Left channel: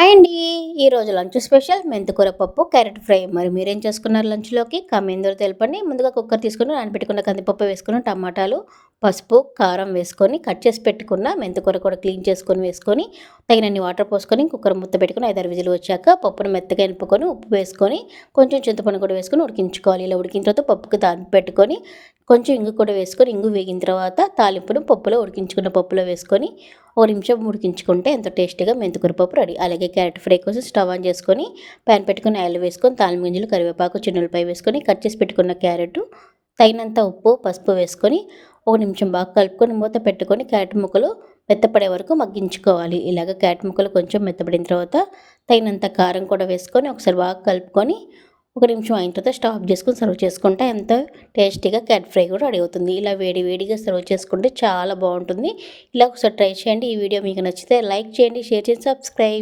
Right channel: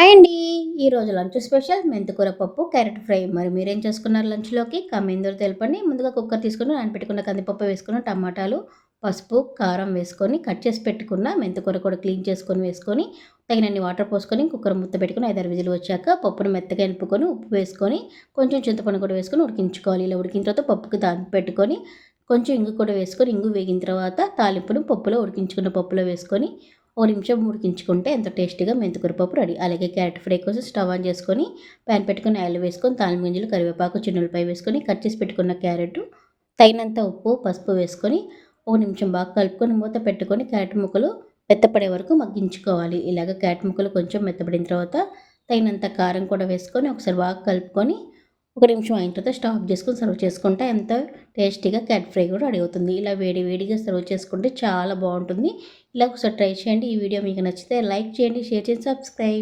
Hi అండి. ఈరోజు lunch special మెంతికూర పప్పు, క్యారెట్ ఫ్రై. మరి మీరేం చేసుకున్నారు లంచ్‌లోకి? కామెంట్‌లో తెలపండి. ముందుగా కుక్కర్ తీసుకొని నానబెట్టుకున్న కందిపప్పు వేసుకొని, టమాటాలు, పసుపు, కారం వేసుకొని, కట్ చేసి పెట్టుకున్న మెంతికూర కూడా క్లీన్ చేసుకొని వేసుకొని, తగినన్ని వాటర్ పోసుకొని, కుక్కర్ మూత పెట్టుకొని 5, 6 విజిల్లు వచ్చాక పప్పును మెత్తగా ఎనుపుకొని, ఉప్పు వేసుకొని, కొంచెం చింతపండు కూడా వేసుకొని ఉడికించుకోవాలి. ఇలా ఉడికిన తర్వాత పప్పుకి తాలింపు పెట్టుకొని, కొంచెం ఇంగు కూడా వేసుకొని, ఇంగు వేగిన తర్వాత తాలింపును పప్పులో ఉడికించుకున్న పప్పులో వేసుకొని ఓ నిమిషం ఉడికించుకుంటే ఎంతో టేస్టీగా మెంతికూర పప్పు రెడీ. అలాగే క్యారెట్ ఫ్రై కోసం స్టవ్ ఆన్ చేసుకొని పాన్ పెట్టుకొని ఆయిల్ వేసుకొని తాలింపు గింజలు, కరివేపాకు, చిన్నులపాయ వేసుకొని కట్ చేసి పెట్టుకున్న క్యారెట్, తగినంత ఉప్పు, పసుపు వేసుకొని ఒక నిమిషం బాగా కలుపుకొని మూత పెట్టుకొని క్యారెట్ ముక్కలు మెత్తపడే వరకు మగ్గించుకోవాలి. ఇలాగ క్యారెట్ ముక్కలు కొంచెం మెత్తపడిన తర్వాత తగినంత కారం కూడా వేసుకొని ఒకసారి బాగా కలుపుకొని ఒక నిమిషం అయిన తర్వాత స్టవ్ ఆఫ్ చేసుకొని సర్వ్ చేసుకుంటే ఎంత టేస్టీగా క్యారెట్ ఫ్రై కూడా రెడీ అవుతుంది. ఇలా వేడి వేడిగా సర్వ్ చేసుకుంటే చాలా బాగుంటుంది. ఇలా ఒకసారి ట్రై చేయండి. ఈ వీడియో మీకు నచ్చితే లైక్ చేయండి, షేర్ చేయండి, సబ్స్క్రైబ్.